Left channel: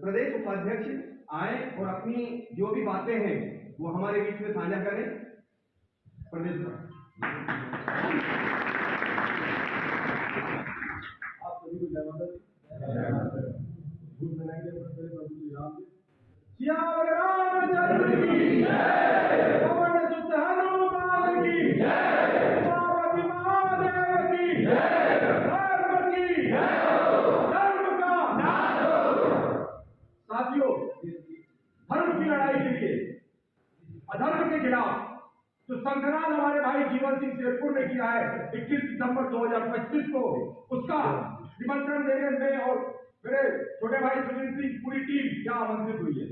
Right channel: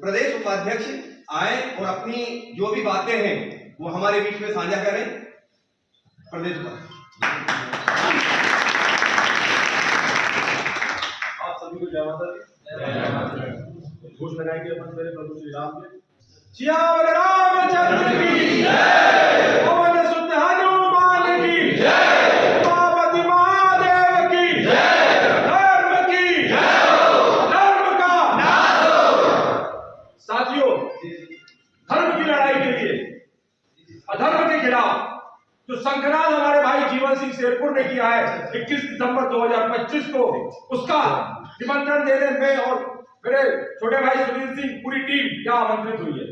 प्रदेश उपाध्यक्ष आए और अपनी जो भी बातें हैं वो हमारे बीच में साझा करें। प्रदेश आप सभी को जय माता दी। घोष लगाएंगे अपन मेरे प्रभु श्री राम के। सियावर रामचंद्र की जय, पवन सुत हनुमान की जय, पार्वती महादेव की जय, धर्म की जय, धर्म का नाश हो। साथियों, धर्म की लड़ाई के लिए अधर्म के खिलाफ जो संग्राम हमारे भाई जीवन सिंह शेरपुर ने किया है 21 दिसंबर 2025 को, उसका निमंत्रण देने में और मेरे छोटे भाई सुनील सिंह पूरी टीम क्या आमंत्रित हुई है।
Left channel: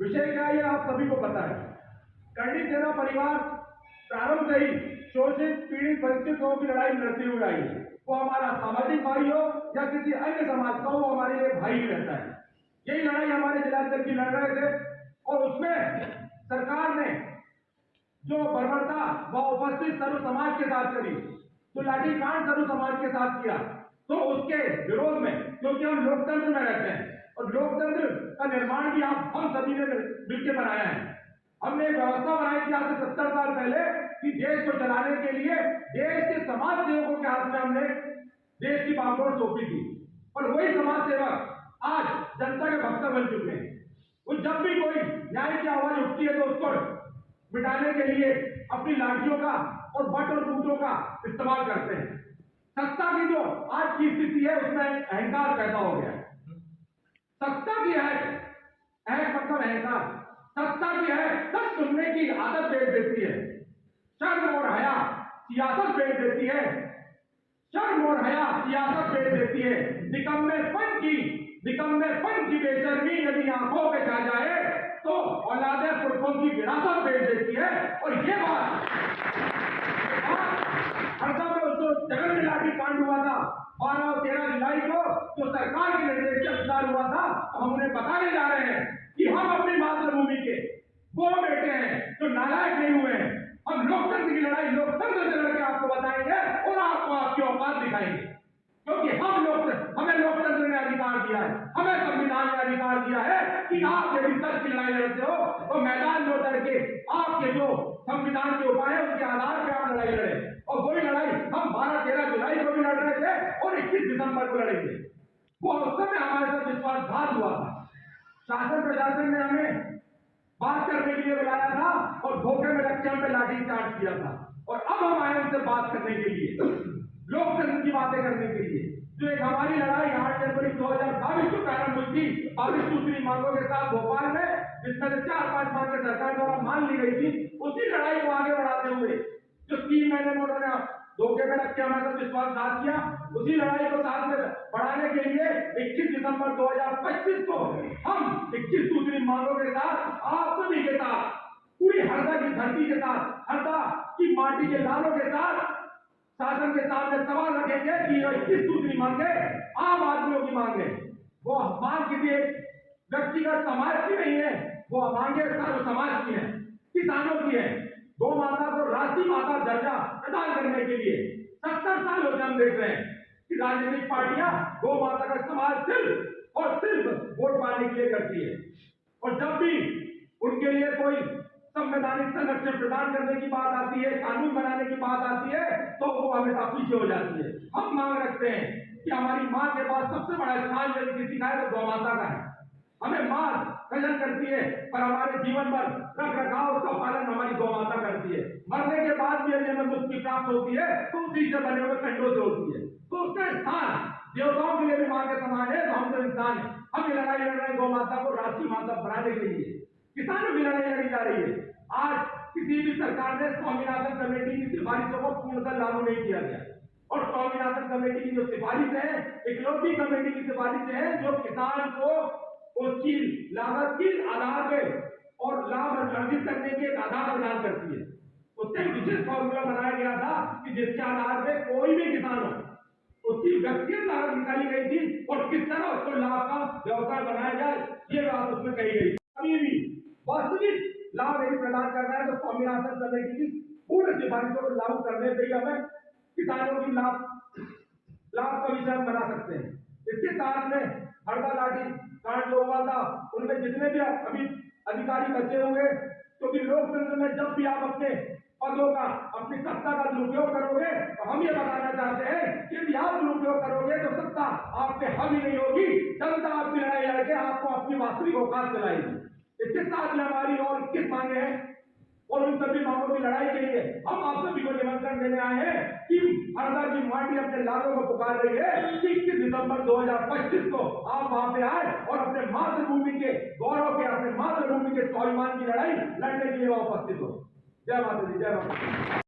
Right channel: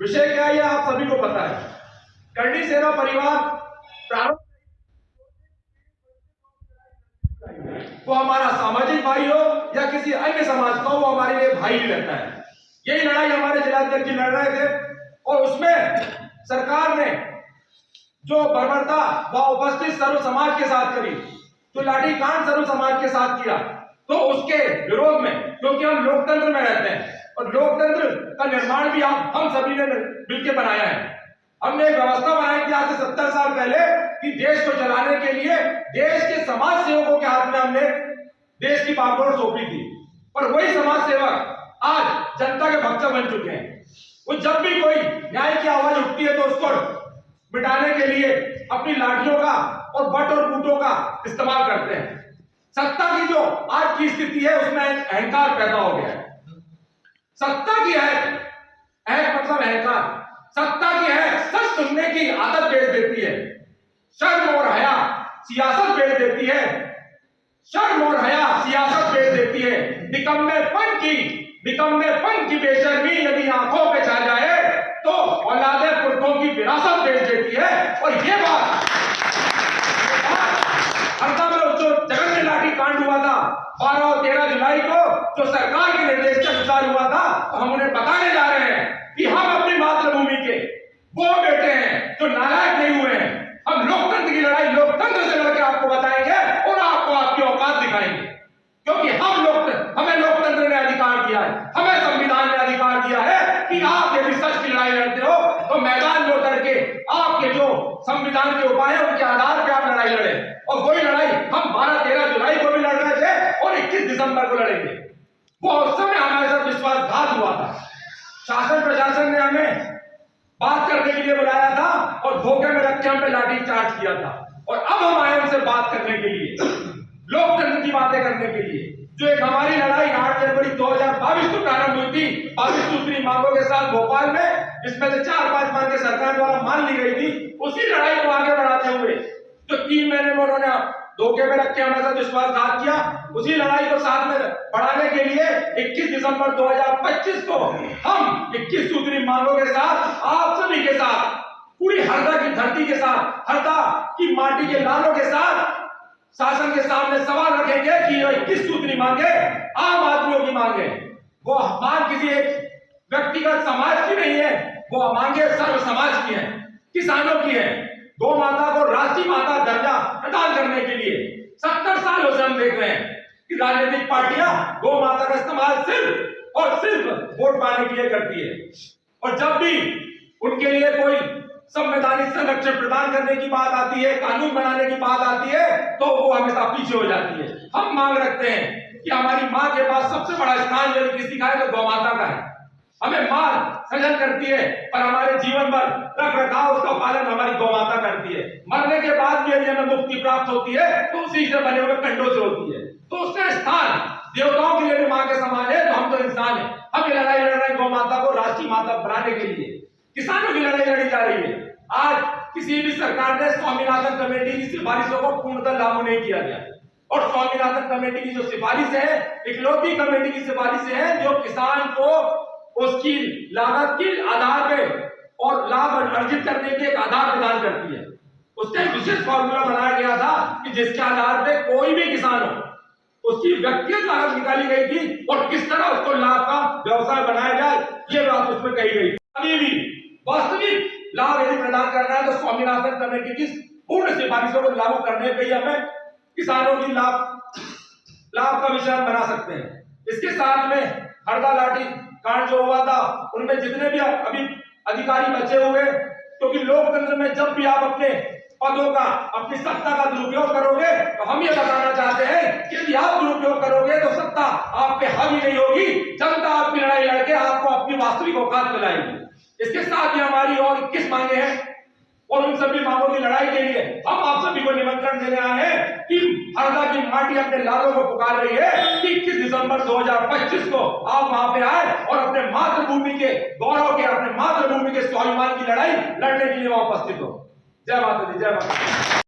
विषय क्या है आप सभी को पता है। करणी सेना परिवार प्रारंभ से ही शोषित पीड़ित वंचित लोगों की लड़ाई लड़ती हुई आई है। वो हमारा सामाजिक भाई हो या किसी अन्य समाज का, वो हमारे लिए भाई ही रहता है। यही लड़ाई हमारे जिलाध्यक्ष जी लड़ रहे थे और उसमें सरकार ने जो बर्बरता व उपस्थित सर्व समाज के साथ करी, जो लाठीकांड सर्व समाज के साथ किया, तो उसके विरोध में, क्योंकि हम लोकतंत्र में रहते हैं और लोकतंत्र का निर्माण भी हम सभी ने मिलकर बनाया है। हमने एक व्यवस्था बनाई थी आज से 70 साल पहले कि देश को चलाने के लिए देश के समाज सेवकों के हाथ में हमने देश की बागडोर सौंपी थी। पर वही समाज सेवक आज जनता के भक्त बन चुके हैं। वो जब भी कोई न्याय की आवाज उठती है तो उसको मिटाने के लिए अपनी लाठियों का और बट और बूटों का इस्तेमाल करते हैं। सत्ता की जो आज की स्थिति है उसमें अहंकार पैदा हो गया है। सत्ता की है मतलब अहंकार, सत्ता की है सच सुनने की आदत बेच देती है। शर्म और हया सियासत बेच देती है, शर्म और हया सियासत बेच देती है। निकम्मेपन की बेशर्मी यदि आंखों पे छा जाए तो औलादे पुरखों की विरासत बेच देती है। और ये बात हरदा में जो जगन में लाठी कांड हुआ था 12 और 13 जुलाई को, जो सरकार के निर्देश के अनुसार हुआ था, तो हम उन्हें बताने जा रहे हैं कि हम अपनी मातृभूमि के वो बेटे हैं जो नालायक नहीं हुए हैं। हम लोकतंत्र की लड़ाई लोकतंत्र से लड़के आपको बताएंगे और आपको आपकी औकात दिखाएंगे, क्योंकि हमें लोकतंत्र ने अधिकार दिया है, हमें संविधान ने अधिकार दिया है कि आप यदि सच की लड़ाई लड़ते हो तो मैदान में उतर के आपके जो संविधान के उपाय है उनके आधार पर आप लड़ाई लड़े। और वही लड़ाई हम 12-13 जुलाई को भी लड़ रहे थे और 21 दिसंबर को लड़ेंगे। वो उस समय हमारे साथ विश्वासघात हुआ था। शासन प्रशासन ने हमें बात करने के लिए बुलाया था और धोखे में रख के हम पे लाठी चार्ज किया था। और अब हम आए उनसे बात करने के लिए, लोकतंत्र की बातें करने के लिए। जो एक हमारी लड़ाई 8 जनवरी 2022 को प्रारंभ हुई थी 22 सूत्री मांगों के साथ भोपाल में, जिसमें से 4-5 मांगे सरकार द्वारा मान ली गई थी, उसी लड़ाई को आगे बढ़ाते हुए जो 3 महीने में उन्होंने धोखे में रख के हमारे साथ विश्वासघात किया, उसी लड़ाई को साथ में बढ़ाने के लिए 21 दिसंबर 2025 को हम 21 सूत्री मांगों के साथ आप सभी के साथ, पूरी हरदा की धरती के साथ, हरदा की माटी के लालों के साथ शासन के सामने सवाल रखेंगे कि 21 सूत्री मांगे आम आदमियों की मांगे, वो मांग किसी एक व्यक्तिगत समाज की नहीं है, वो मांगे सर्व समाज की है, किसानों की है। गौ माता को राष्ट्रीय माता दर्जा प्रदान करने के लिए 70 सालों से हम देख रहे हैं कि राजनीतिक पार्टियां गौ माता का इस्तेमाल सिर्फ और सिर्फ वोट पाने के लिए करती है। और जब भी उनके लिए कोई संवैधानिक संरक्षण प्रदान करने की बात आती है, कानून बनाने की बात आती है, तो वो हमेशा पीछे हो जाती है। हम मांग रखते हैं कि हमारी मां के पास सबसे बड़ा स्थान यदि किसी का है तो गौ माता का है। हमें मां सजन करती है पर हमारे जीवन भर रख रखाव उसका पालन हमारी गौ माता करती है। मरने के बाद भी यदि हमें मुक्ति प्राप्त होती है तो उसी से बने हुए कंडों से होती है। तो उसका स्थान देवताओं के लिए भी मां के समान है। तो हम तो इंसान है, हम ये लड़ाई लड़ रहे हैं गौ माता को राष्ट्रीय माता बनाने के लिए। किसानों की लड़ाई लड़ी जा रही है। आज किसी भी सरकार ने स्वामीनाथन कमेटी की सिफारिशों को पूर्णतः लागू नहीं किया गया, और स्वामीनाथन कमेटी की जो सिफारिश है इकलौती कमेटी की सिफारिश है जो किसान को उसकी लागत के आधार पे और लाभ अर्जित करने के एक आधार प्रदान करती है। उसका एक विशेष फॉर्मूला बनाया गया था कि जिसके आधार पे कोई भी किसान हो उसकी व्यक्तिगत लागत निकाली गई थी और किस तरह उसको लाभ का व्यवसाय बनाया जाए, ये बात उसमें कही गई। अभी भी वास्तविक लाभ यदि प्रदान करना है तो स्वामीनाथन कमेटी की पूर्ण सिफारिशों को लागू करने पर ही हमें किसानों की लाभ का मिश्रण बना सकते हैं। इसके साथ में हरदा लाठी कांड जो हुआ था उनमें जितने भी अभी अधिकारी बचे हुए, क्योंकि लोकतंत्र में जब भी आप अपने पदों का, अपनी सत्ता का दुरुपयोग करोगे तो हम ये बताना चाहते हैं कि यदि आप दुरुपयोग करोगे तो सत्ता आप पे हावी नहीं होगी, जनता आपकी लड़ाई लड़के आपको अपनी वास्तविक औकात दिलाएगी। इसके साथ ही हमारी और 21 मांगे हैं और उन सभी मांगों की लड़ाई के लिए हम आप सभी को निमंत्रण देने आए हैं कि हरदा की माटी अपने लालों को पुकार रही है कि 21 दिसंबर 2025 को आप वहां पे आए और अपने मातृभूमि के गौरव के, अपने मातृभूमि के स्वाभिमान की लड़ाई लड़ने के लिए वहां उपस्थित हो। जय माता दी, जय माता दी।